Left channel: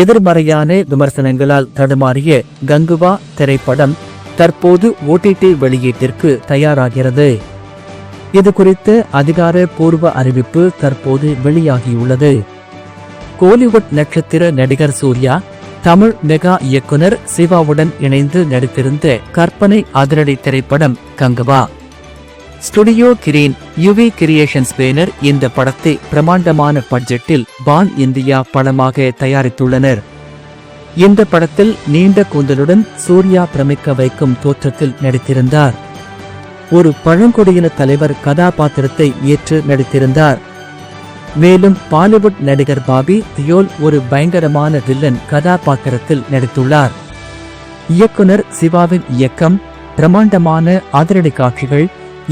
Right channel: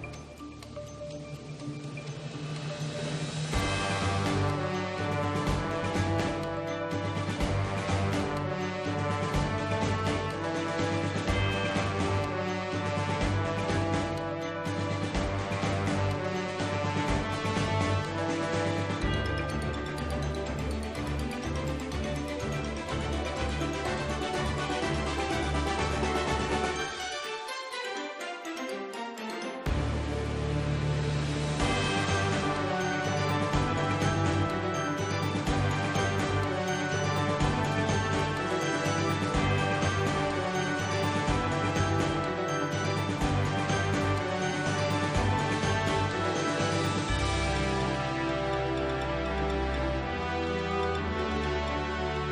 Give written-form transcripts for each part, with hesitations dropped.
எதிர்மறையான விமர்சனங்களால் தடுமாறிய கங்குவா திரைப்படம் தற்போது OTT வெளியீட்டிற்கு தயாராகிறது. இது குறித்த அதிகாரப்பூர்வ அறிவிப்பு தற்போது வெளியாகியுள்ளது. கோலிவுட் நட்சத்திர நடிகர் சூர்யா தமிழ் மெகா இயக்குனர் சிவாவுடன் இணைந்து நடித்திருந்த கற்பனை அதிரடி திரைப்படம் Kanguva. Studio green UV creations banner இந்த படத்தை பிரமாண்டமான பட்ஜெட்டில் பான் இந்தியா படமாக தயாரித்துள்ளனர். இந்த படத்தில் நீண்ட கூந்தலுடன் சூர்யா பிரமிக்க வைக்கும் தோற்றத்தில் நடித்திருந்தார். ஒரு பழங்குடியின தலைவர் கதாபாத்திரத்தை ஏற்று நடித்திருந்தார். மேலும் பாலிவுட் நடிகர் பாபி தியோல் ஒரு பயங்கரமான வில்லன் கதாபாத்திரத்தில் நடித்துள்ளார். இயக்குனர் சிவாவின் இயக்கம், பிரமாண்டமான அதிரடி காட்சிகள்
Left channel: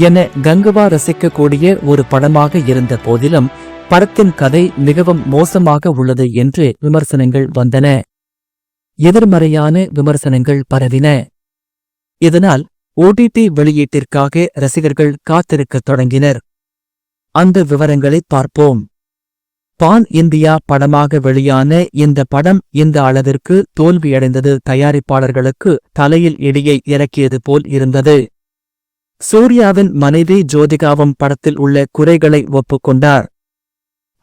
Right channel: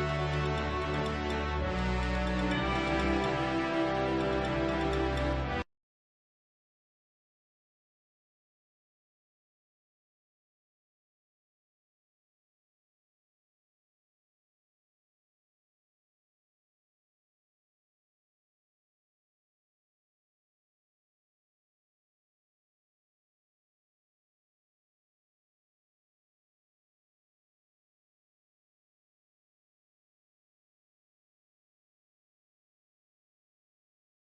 என கங்குவா ரசிக்கக்கூடிய ஒரு படமாக இருந்த போதிலும் படத்தின் கதை மிகவும் மோசமாக உள்ளது என்று விமர்சனங்கள் வந்தன. எதிர்மறையான விமர்சனங்கள் பரவின. இதனால் OTT வெளியீட்டிற்காக ரசிகர்கள் காத்திருக்கத் தொடங்கினர். அந்த விவரங்களை பார்ப்போம். பான் இந்தியா படமாக வெளியான இந்த படம் இந்த அளவிற்கு தோல்வியடைந்தது தயாரிப்பாளர்களுக்கு தலையில் இடியை இறக்கியது போல் இருந்தது. சூர்யாவின் மனைவி ஜோதிகாவும் படத்தில் உள்ள குறைகளை ஒப்புக்கொண்டார்.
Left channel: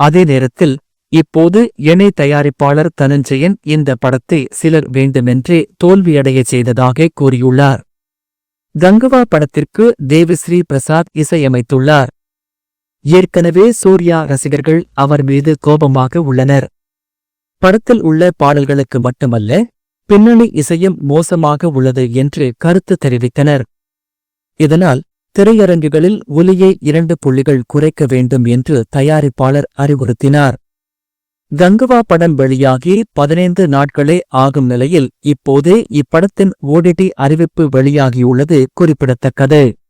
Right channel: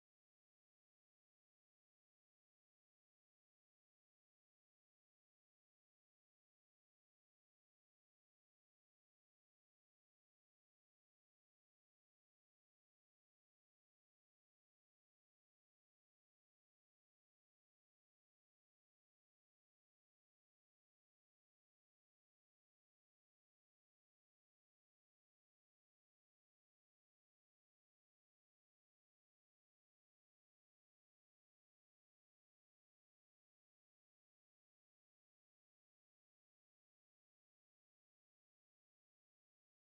அதே நேரத்தில் இப்போது இணை தயாரிப்பாளர் தனஞ்சயன் இந்த படத்தை சிலர் வேண்டுமென்றே தோல்வியடைய செய்ததாக கூறியுள்ளார். கங்குவா படத்திற்கு தேவிஸ்ரீ பிரசாத் இசையமைத்துள்ளார். ஏற்கனவே சூர்யா ரசிகர்கள் அவர் மீது கோபமாக உள்ளனர். படத்தில் உள்ள பாடல்களுக்கு மட்டுமல்ல, பின்னணி இசையும் மோசமாக உள்ளது என்று கருத்து தெரிவித்தனர். இதனால் திரையரங்குகளில் ஒலியை 2 புள்ளிகள் குறைக்க வேண்டும் என்று தயாரிப்பாளர் அறிவுறுத்தினார். கங்குவா படம் வெளியாகி 15 நாட்களே ஆகும் நிலையில் இப்போதே இப்படத்தின் OTT அறிவிப்பு வெளியாகியுள்ளது குறிப்பிடத்தக்கது.